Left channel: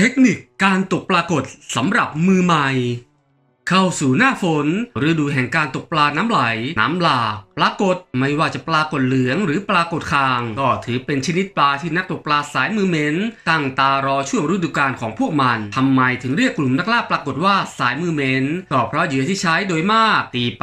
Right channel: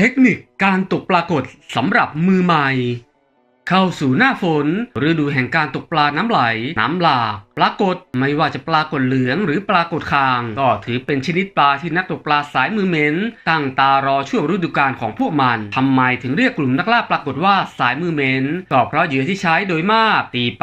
เทคนิคการตกปลากดสำหรับมือใหม่ เข้าสู่หน้าฝนฤดูแห่งการตกปลาน้ำไหล น้ำหลากปลากดไม่ว่าจะปลากดเหลืองหรือปลากดคาง ก็ถือเป็นชนิดปลาที่นักตกปลาสายมือเหม็นตั้งตารอช่วงฤดูกาลของพวกมันทำไมถึงเรียกกลุ่มนักล่าปลากดว่าสายมือเหม็นก็เพราะเหยื่อที่ใช้โดยมากตีไป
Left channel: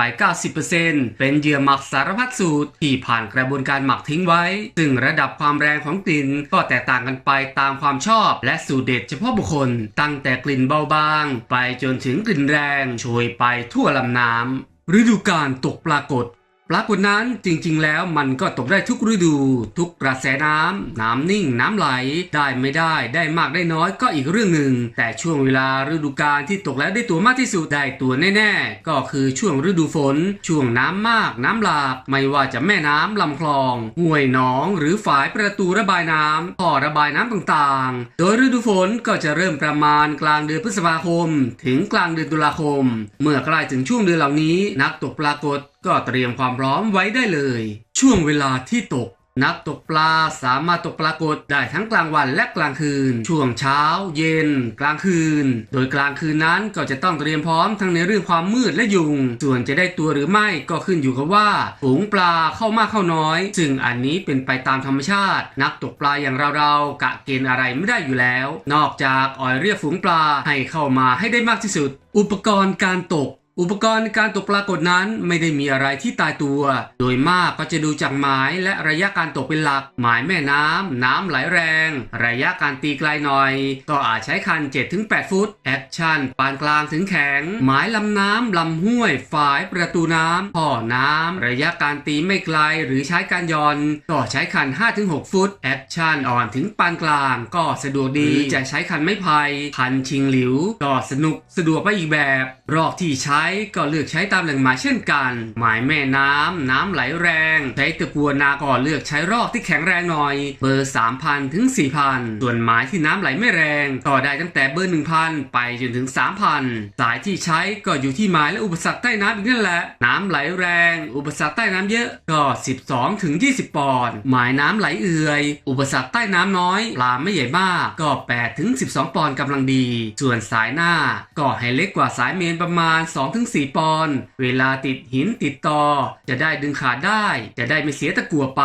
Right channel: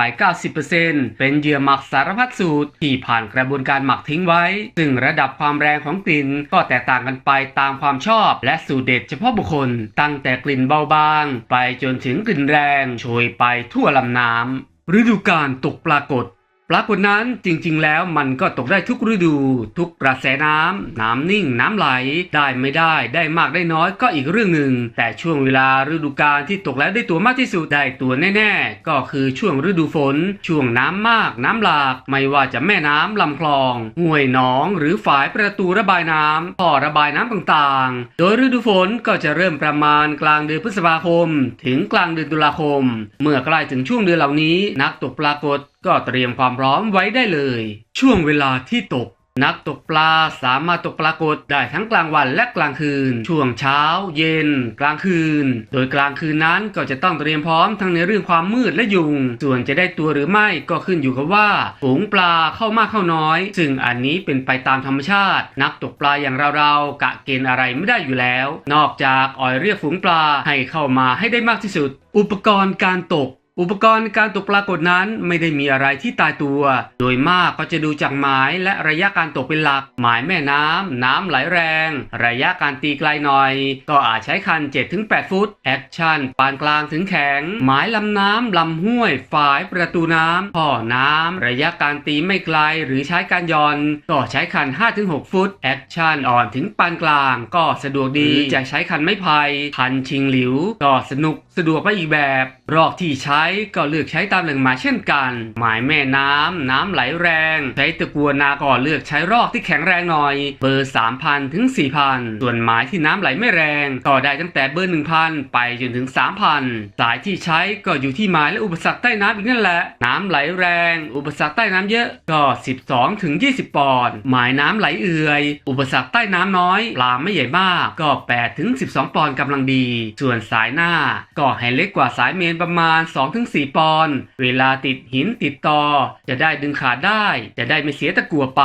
90%เป็นเหยื่อหมักสารพัดสูตรที่ผ่านกระบวนการหมักทิ้งไว้ ซึ่งระดับความแรงของกลิ่นก็แตกต่างกันไปตามความชอบ และสูตรเด็ดเฉพาะบุคคล ตั้งแต่กลิ่นเบาบาง ไปจนถึงกลิ่นแรงโชยไปทั่วลำน้ำฤดูการตกปลากด ปรากฏนั้นจริงๆ แล้วมันก็ตกได้ทุกฤดู ทุกกระแสน้ำ น้ำนิ่ง น้ำไหล ได้ไม่ได้ ได้มากได้น้อยก็อีกเรื่องหนึ่ง แต่ช่วงเวลาฤดูกาลที่ตกแล้วได้ตัวมากที่สุดได้ตัวแน่ๆ ก็คือช่วงฤดูฝน ช่วงน้ำมาก น้ำหลาก ไม่ว่าจะแม่น้ำลำคลอง ห้วยหนอง หรือฝายประตูระบายน้ำท่อระบายน้ำต่างๆ โดยฤดูฝนก็จะเริ่มประมาณกลางเดือนพฤษภาคม ถึงกลางเดือนตุลาคม เมื่อใกล้ถึงช่วงเดือนเหล่านี้ นักตกปลากด ก็เตรียมความพร้อมไว้ได้เลย ช่วงเวลาที่ตก นักตกปลาสามารถตกปลากดได้ทั้งกลางวันและกลางคืน ช่วงเช้า เย็น กลางคืน โดยกลางคืนนั้นก็จะต้องเตรียมพร้อมทั้งในเรื่องความมืดและยุง ส่วนจะได้ตัวหรือไม่ก็ขึ้นอยู่กับว่าฝูงปลาเข้ามากเข้าน้อย ซึ่งอันนี้เป็นไปตามธรรมชาติ นักตกปลาอย่างเราๆกะเกณฑ์อะไรไม่ได้อยู่แล้ว นอกจากอ่อยเรียกฝูงปลาให้เข้ามาให้ได้มากที่สุด อุปกรณ์การตก อุปกรณ์การตกปลากดนั้นไม่ได้มีอะไรที่ตายตัว โดยมากก็จะดูจากหมายและระยะการตกเป็นหลัก หมายแม่น้ำ น้ำไหลแรง ระยะการตีไกลหน่อย ก็อาจใช้คัน 7-8 ฟุต แอคชั่น ปานกลางถึงแข็ง หมายลำน้ำลำห้วย ฝายประตูน้ำพ่อน้ำ ระยะการตีไม่ไกลหรือใช้การย่อน ก็ใช้คัน 5-6 ฟุต แอคชั่นอ่อนถึงปานกลางก็สะดวกดีจะใช้คันไม้ไผ่คันชิงหลิวก็สนุกสะดวกไปอีกแบบรอกที่ใช้ก็เลือกใช้ตามแหล่งหมายเช่นกันหมายแม่น้ำน้ำไหลแรง ใช้ตะกัวนาก็เลือกใช้รอกที่แข็งแรงหน่อย เบอร์ 3,000 ถึง 4,000 ส่วนหมายที่น้ำไหลไม่แรงก็ได้ตั้งแต่เบอร์ 1,000 ไปจนถึง 3,000 สายที่ใช้ก็อยู่ที่หมายและอุปสรรคใต้น้ำอีกนั่นแหละ น้ำไหลแรง อุปสรรคใต้น้ำเยอะก็ 12ถึง20 ปอนด์หมายน้ำไหลเอื่อย อุปสรรคใต้น้ำน้อยปลาไม่ใหญ่มากก็8ถึง12 ปอนด์กำลังดี ส่วนสายหน้าก็ให้เล็กกว่าสายเมนประมาณ2ถึง4ปอนด์เวลาติดหินติดตอ จะได้ดึงขาดได้ จะได้ไม่เสียตะกัวไป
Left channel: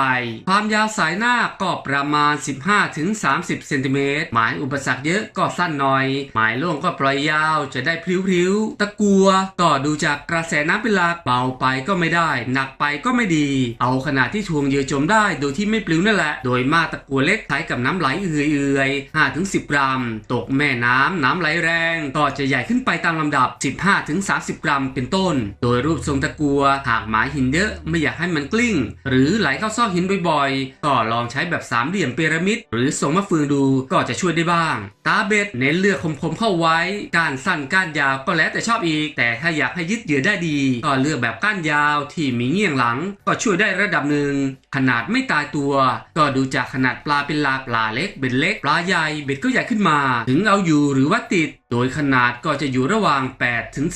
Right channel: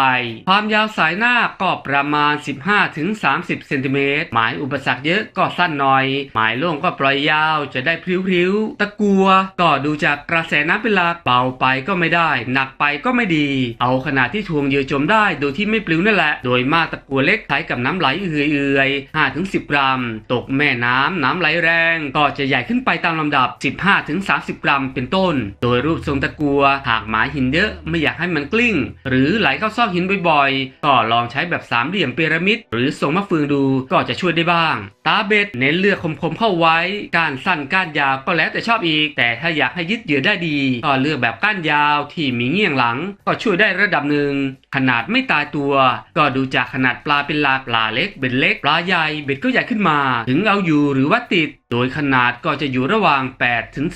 ความยาวสายหน้าก็ประมาณ 15ถึง30เซนติเมตรหมายอุปสรรคเยอะก็สั้นหน่อย หมายโล่งก็ปล่อยยาวจะได้พริ้วๆตะกัวก็ดูจากกระแสน้ำเป็นหลักเบาไปก็ไม่ได้ หนักไปก็ไม่ดี เอาขนาดที่ทวงเยื่อจมได้โดยที่ไม่ปลิวนั่นแหละ โดยมากตะกัวเล็กใช้กับน้ำไหลเอื่อยๆ5ถึง10 กรัม ตกแม่น้ำน้ำไหลแรง ก็จะใหญ่ขึ้นไปตามลำดับ 15ถึง30กรัมเป็นต้น โดยรูปทรงตะกัว หากหมายหินเยอะไม่อยากให้มันกลิ้ง หรือไหลเข้าซอกหินบ่อยๆ ก็ลองใช้แบบสามเหลี่ยมพีระมิด หรือทรงมะเฟืองดูก็จะช่วยได้บ้าง ตาเบ็ดเน้นเลือกคมๆเข้าไว้ กานสั้นก้านยาวก็แล้วแต่ชอบอีก แต่ถ้าอยากให้ยึดเหยื่อได้ดี ก็เลือกแบบก้านยาวที่มีเงี่ยงหลัง ก็ช่วยได้ระดับหนึ่ง ขนาดไม่ตายตัว ก็ดูจากขนาดปลาเป็นลักปลาเล็กเบ็ดเล็กปลาใหญ่เบ็ดก็ใหญ่ขึ้นมา ถึงเอาอยู่หรือว่าติด โดยขนาดก็จะอยู่ระหว่าง 8 ถึง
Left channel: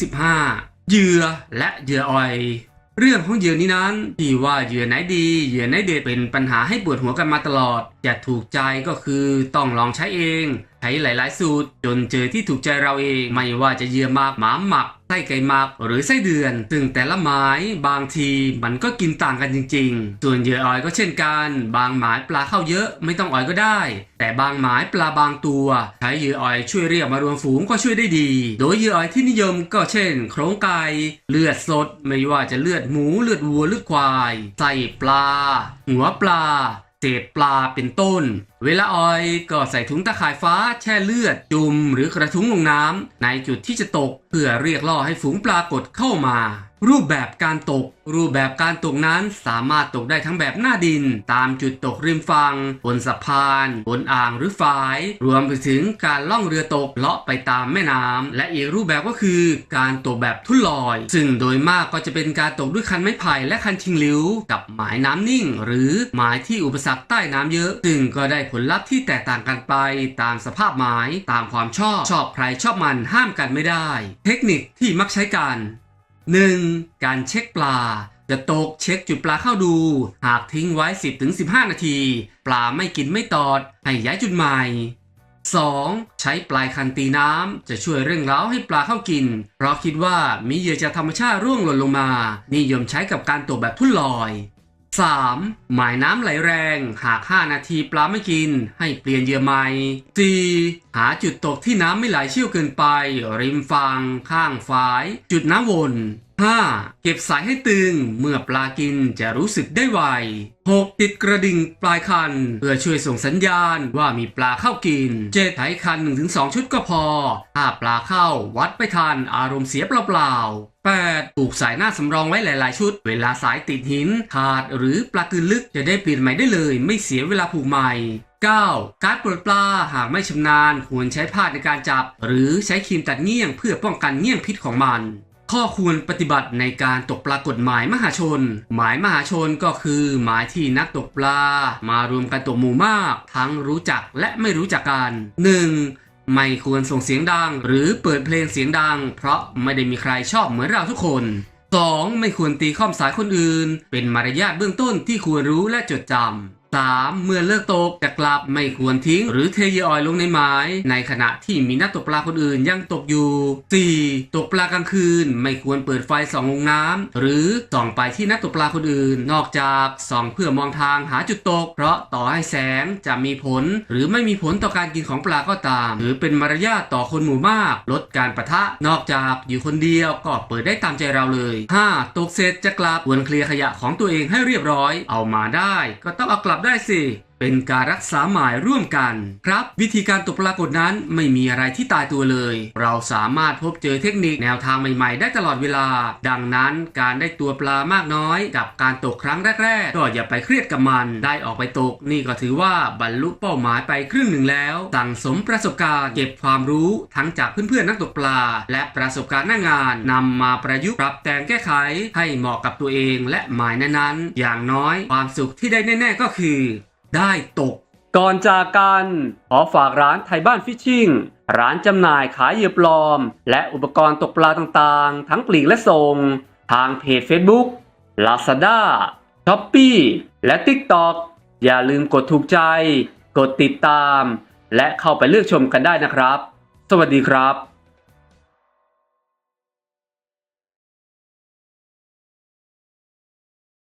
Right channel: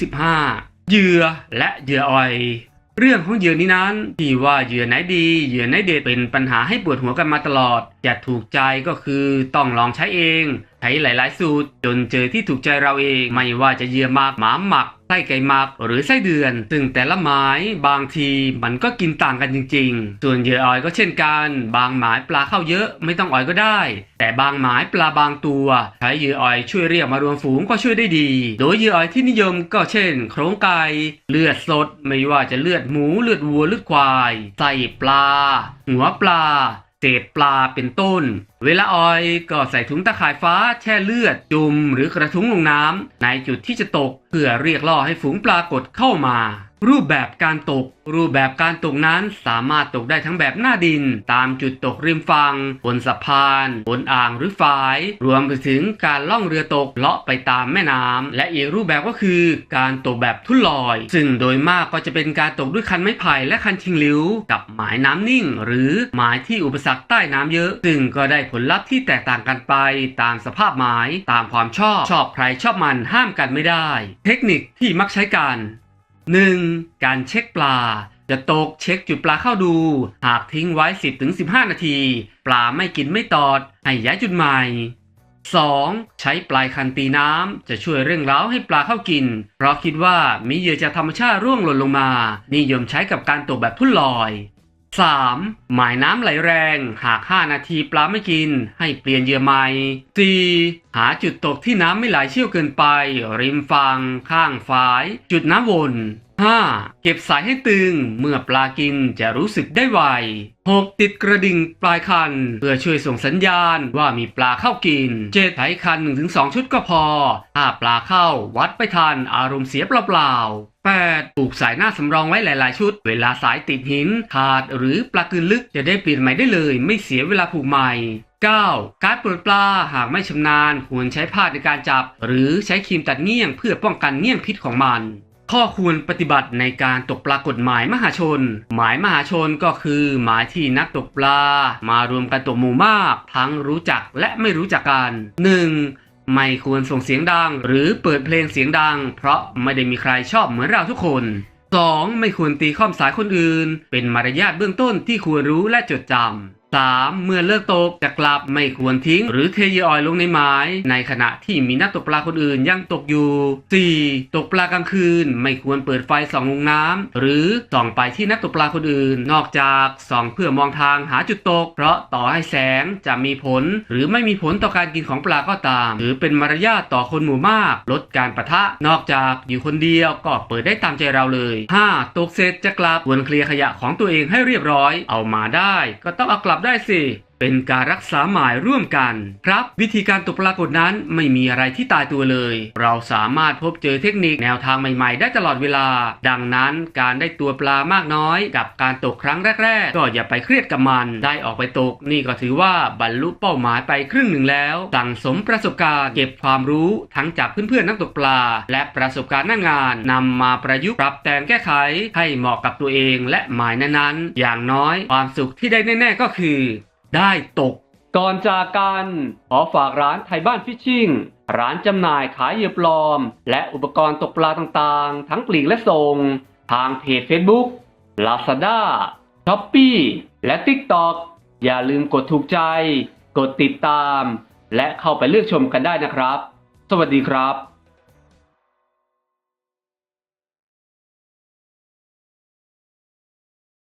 15 เหยื่อและเหยื่ออ่อย เรื่องของเหยื่อนี้นั้นที่ว่าเหยื่อไหนดีเหยื่อไหนเด็ดเป็นปัญหาให้ปวดหัวกันมาตลอดจะถูกใจก็คือต้องลองใช้เอง ช้หลาย ๆ สูตร จนเจอที่ถูกใจเราเอง ไม่ว่าจะเหยื่อหมากหมาหมักไส้ไก่หมักหรือไส้เดือน ซึ่งแต่ละหมายบางทีมันก็กินต่างกันจริง ๆ ส่วนเหยื่ออ่อยก็เช่นกัน บางหมายปลาเข้าเยอะไม่ต้องอ่อยก็ได้ แต่บางหมายปลาบางตัวใช้เหยื่ออ่อยช่วยเรียกมารวมฝูงก็ช่วยได้ดี โดยเหยื่ออ่อยที่นิยมก็เช่น โครงไก่เลือดสด ไม่ว่าจะเลือดหมูเลือดวัวเลือดควายไส้ปลา หัวปลาเศษปลาเป็นต้น เวลาออยก็ใส่ถุงตะข่ายฟ้าแช่เลือด จุ่มหรือกระทุ้งลงน้ำในจุดที่จะตก เพื่อเรียกล่อให้ฝูงปลากดเข้ามา รูปแบบการตก รูปแบบการตกนั้นสามารถตกได้ทั้งแบบหน้าดิน ตามจุดตกริมฝั่งบนสะพานบนอ่างหรือฝาย รวมไปถึงการล่องเรือตกเลาะไปตามแม่น้ำและอีกรูปแบบก็คือการตกแบบทุ่นลอย ซึ่งโดยมากก็จะเป็นการตกด้วยคันไม้ไผ่และคันชิงหลิวกับหมายน้ำนิ่ง หรือหมายที่อุปสรรคใต้น้ำเยอะ ซึ่งก็ได้ผผลลัพธ์ที่แตกต่างกันไปตามสภาพหมายตามความชอบชอบใครชอบมันห้ามกันไม่ได้ เทคนิคที่มักใช้กัน 1. การเช็คปลา จะตกเช็คจุดปลาเข้าดู หากทิ้งไว้ 10-15 นาที ปลาไม่กินไม่ตอด ให้ย้ายจุดใหม่ 2. ใช้ปลายคันตีน้ำ จะช่วยเร่งเร้าให้ปลาเข้ากิน เพราะคิดว่ามีเหยื่อจากธรรมชาติร่วงหล่นลงมา นิยมใช้กับการตกแบบทุ่นลอย 3. หมายน้ำไหลแรงหาก 5 นาทีปลาไม่กิน ให้เปลี่ยนเหยื่อใหม่ 4. หาจุดตกที่น้ำไม่ไหลเชี่ยวเกินไป ริมฝั่งข้างฝาย จุดน้ำวน 5. เก็บสายให้ตึง เมื่อปลากินจะรู้สึกได้ไว 6. ติดกระดิ่งปลายคัน เพื่อช่วยส่งสัญญาณว่ามีปลาเข้ากิน 7. ใช้คัน 1-2 ชุดก็พอ ถ้าปลาเข้าวัดไปทันอารมณ์เสียเปล่าๆ 8. ปลูกสายหน้าสำรองไว้หลาย ๆ ชุด เวลาสายติดหิน ขาดหรือปลากืนลึกจะได้เปลี่ยนใหม่ได้เลย ไม่เสียเวลาผูกใหม่ 9. การปลดปลาหากไม่ชำนาญควรใช้ผ้าในการจับ หรือใช้ครีมตัดเงี้ยงเพื่อป้องกันเงี้ยงพิษของมัน ข้อควรปฏิบัติในการตกปลากฎหมายมหาชน หมายมหาชนก็คือ หมายที่นักตกปลามารวมกันตกหมู่มาก ทั้งรู้จักและไม่รู้จักกัน 1. ไม่ควรส่งเสียงดัง หรือเปิดเพลงเสียงดัง เพราะไม่ได้มีใครชอบเหมือนเราทุกคน 2. ไม่ควรตีข้อมสายคนอื่น เป็นมารยาทเบื้องต้นที่ควรรู้และจดจำ 3. เมื่อเลิกตกจะกลับไม่ควรทิ้ง หรือเทเหยอออยลงในไม้ในขณะที่มีนักตกปลาคนอื่นยังตกอยู่ 4. ตกปลากลางคืนไม่ควรเปิดไฟส่องลงน้ำหรือส่องไปที่นักตกปลาคนอื่น นอกจากส่องเพื่อมองทางหาจุดตก เพราะต่อให้แสงจะมีผล หรือไม่มีผลต่อการกินของปลาก็ตาม หรือเป็นมารยาทต่อคนหมู่มาก ลดการประทะ นอกจากอยู่คนเดียวก็เปิดได้ตามใจเราเลย 5. ตกเสร็จจะกลับควรเคลียร์ขยะของตัวเองให้เรียบร้อย เอามาได้ ก็ต้องเอากลับได้สิ เป็นการรักษาหมายร่วมกัน ครับ วิธีการตกปลากฏนั้นไม่มีอะไรที่ตายตัวเลย เราสามารถพบเจอเทคนิคแนวทางใหม่ๆ ได้ตลอดเวลา ดังนั้นการได้ตัวปลามากน้อย กับการตกครั้งแรก ๆ ก็อย่าไปเครียดกับมัน ได้ออกไปตก นี่ก็ถือว่าบรรลุเป้าหมายไปครึ่งหนึ่งแล้ว สั่งสมประสบการณ์เก็บความรู้ทั้งจากเพื่อนๆนักตกปลา และประสบการณ์หน้างานนำมาประยุกต์ปรับแต่งแก้ไข ให้เหมาะกับตัวเองและหมายนั้นๆอย่างน้อย ความสุขที่ได้แน่ ๆ ก็คือ ได้ตก ก่อนจากกัน ขอฝากร้านไทยบ้านฟิชชิ่ง ร้านจำหน่ายขายเหยื่อปลอม และอุปกรณ์ตกปลาต่างๆ ทั้งปลีกและส่ง ทางเพจ Facebook Lazada Shopee และ TikTok อย่าลืมกดถูกใจ กดติดตาม และเข้าไปเลือกชมกันได้นะครับ สวัสดีครับ